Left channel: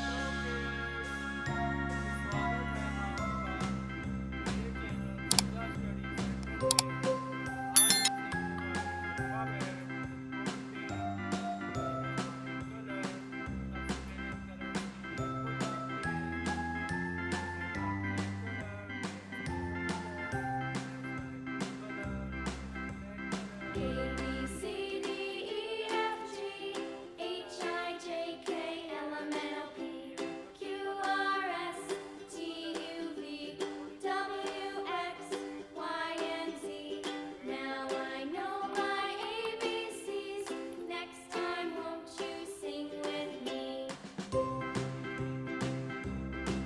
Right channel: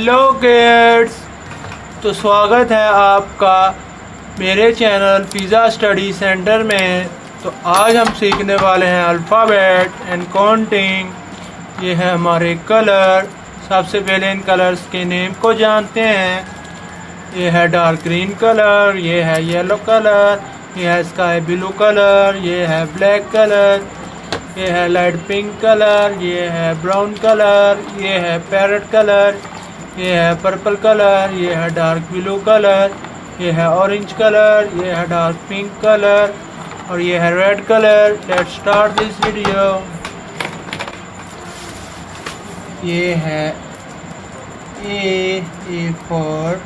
Hello kids, तो स्वागत है आपका मेरे चैनल पिज़्ज़ा स्टडी सेंटर में। तो आज हम सीखने वाले हैं अल्फ़ाबेट एंड काउंटिंग। ये है हमारे कलर। सबसे पहले इन कलर्स के नेम को जानते हैं। ये है डार्क ग्रीन कलर, ये है येलो कलर, ये है स्काई ब्लू कलर, ये है ब्लैक कलर, ये है लाइट पिंक कलर, ये है ब्राउन कलर, ये है पैरेट कलर, ये है पर्पल कलर, ये है डार्क ब्लू कलर, ये है ऑरेंज कलर, ये है डार्क पिंक कलर और ये है red colour. Let's start this video. ये है ए फॉर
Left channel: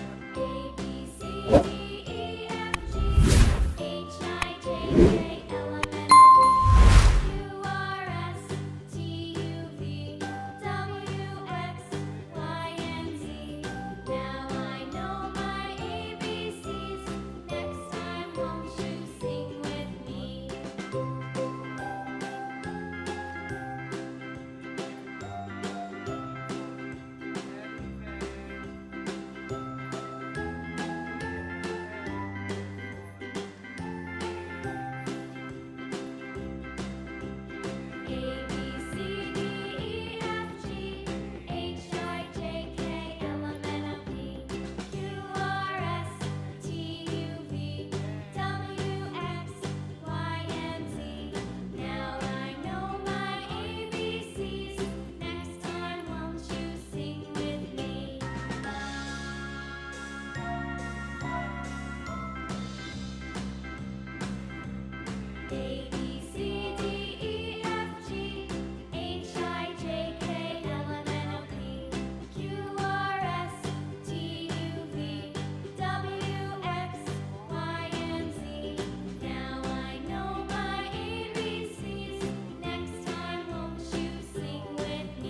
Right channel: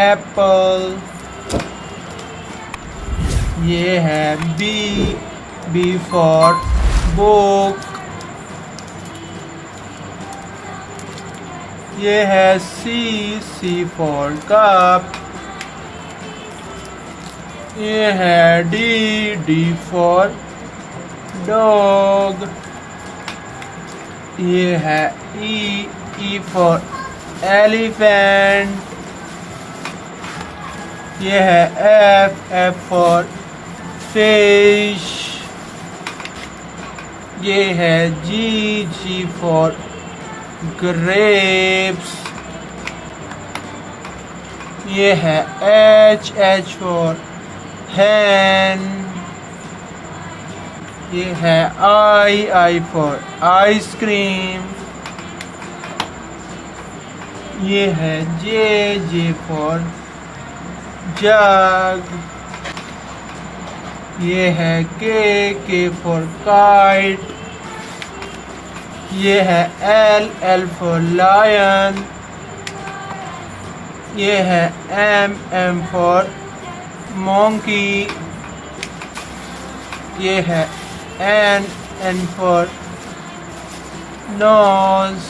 एप्पल, ये है बी फॉर बुक, ये है सी फॉर कप, ये है डी फॉर डॉग, ये है ई फॉर एलिफेंट, ये है एफ फॉर फिश, ये है जी फॉर grapes, ये है H for hen, ये है I for ice cream, ये है J for jug, ये है K for kite, ये है L for lion, ये है M for monkey, ये है N for nose,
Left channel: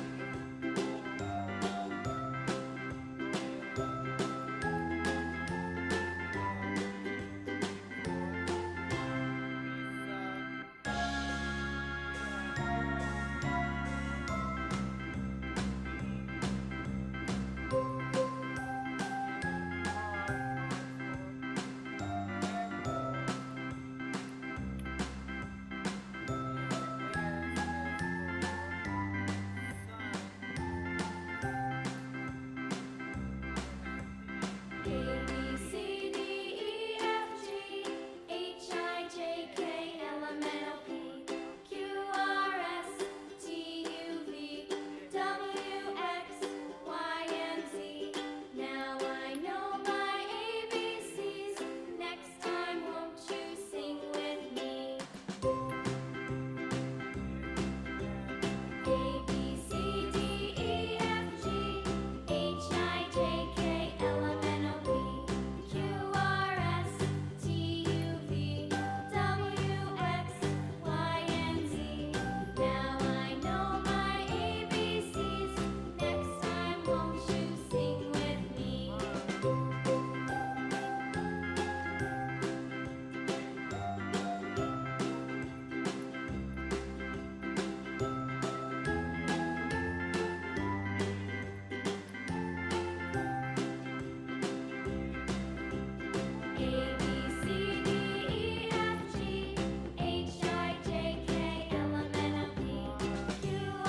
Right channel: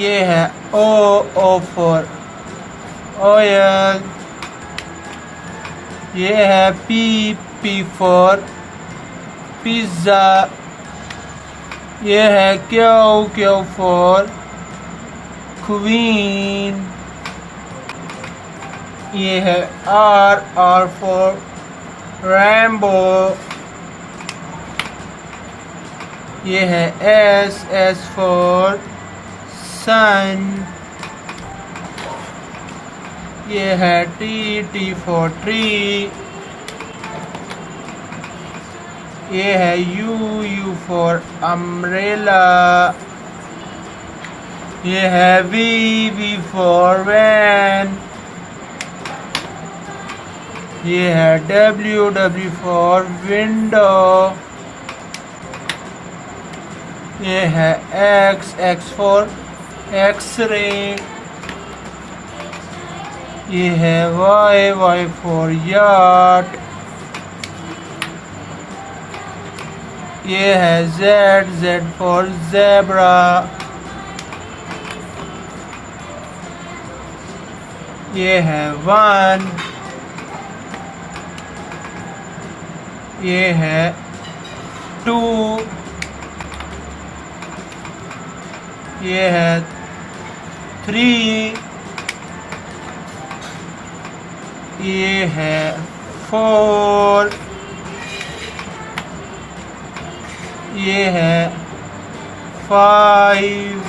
ये है O for oil, ये है P for पिज़्ज़ा, ये है क्यू फॉर क्वीन, ये है आर फॉर रैम्बो, ये है एस फॉर सन, ये है टी फॉर ट्री, ये है यू फॉर अम्ब्रेला, ये है वी फॉर वैन, ये है डब्ल्यू फॉर विंडो, ये है एक्स फॉर एक्सरे, ये है वाई फॉर याट, ये है जेड फॉर ज़ेब्रा, ये है 1, ये है 2, ये है 3, ये है 4, ये है 5,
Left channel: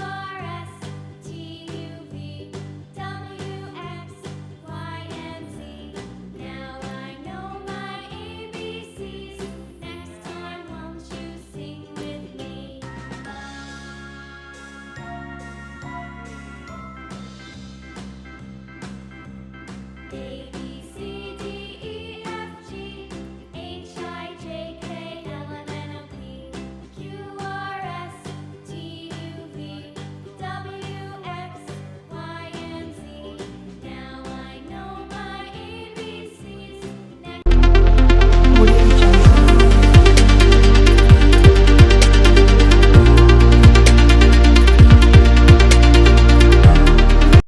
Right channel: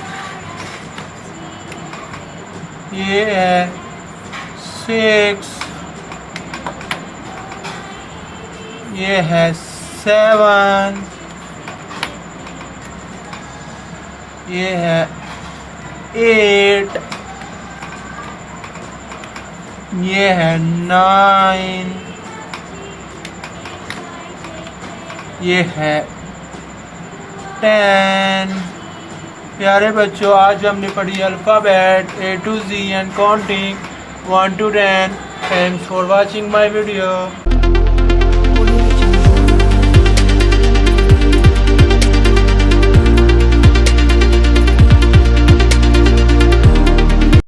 ये है 6, ये है 7, ये है 8, ये है 9, ये है 10। प्यारे बच्चों, आज हमने पढ़ी alphabet A to Z and counting 1 to 10। Thanks for watching my video.